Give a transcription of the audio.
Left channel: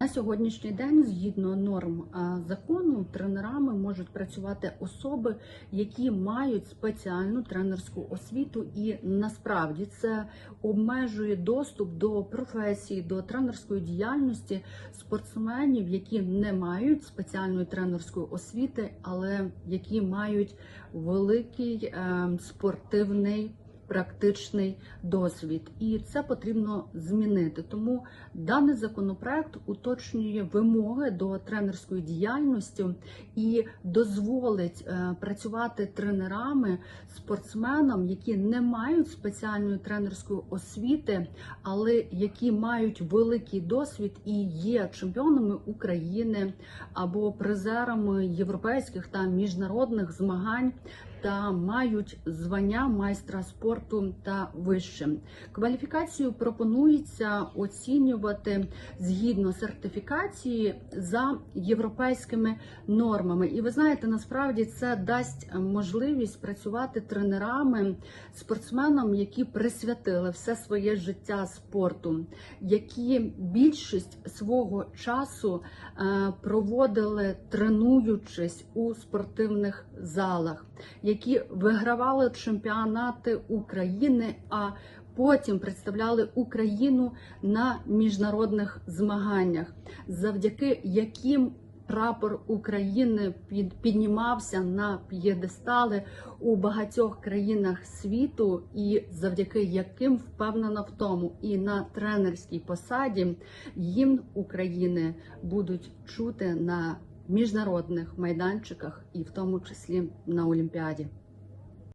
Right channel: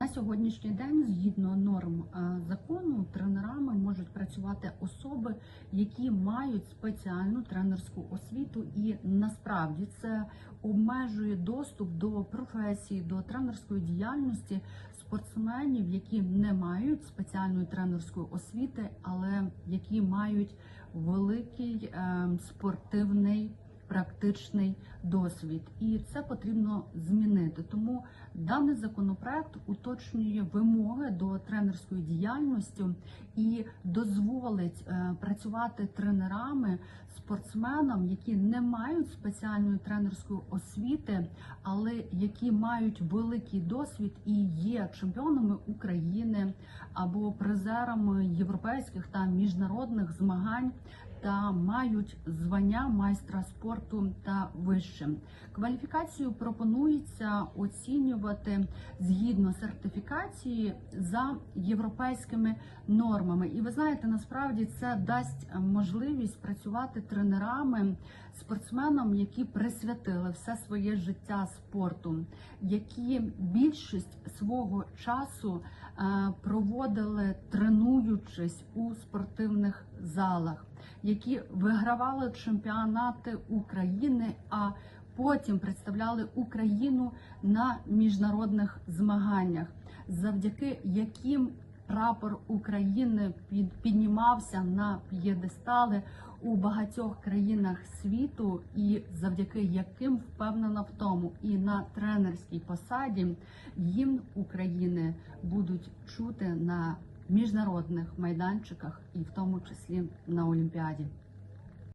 На сьогоднішній день, згідно норм закону, тренерами можуть працювати особи, які мають спеціальну тренерську освіту, і насправді це обмежує доступ до професії, до тренерської діяльності спортсменів, які не мають спеціальної тренерської освіти, але які мають великий е, спортивний. Практичний досвід, і це потрібно змінити. Тому даний законопроект уточнює вимоги до тренерської діяльності і дозволить е, працювати тренерами, спортсменам, які не мають спеціальної тренерської освіти, але які мають великий досвід і є чемпіонами України або призерами європейських та міжнародних змагань. Та мають звання майстра спорту та вище. Кваліфікацію пропонується оцінювати згідно сертифікації за європейськими нормами. І ви знаєте, насправді це дасть можливість працювати тренерами, спортсменам, які присвятили все своє життя спорту, які більшість свого часу е, проводили тренуючись у спортивних залах, які вигравали чемпіонати України. а Потім представляли Україну на міжнародних змаганнях, завдяки яким прапор України під, піднімався на п'єдестали у багатьох країнах світу, і завдяки яким впевнена в тому, і на тренерській посаді гімн України будуть чути на міжнародних майданчиках, і в тому числі на Олімпіаді.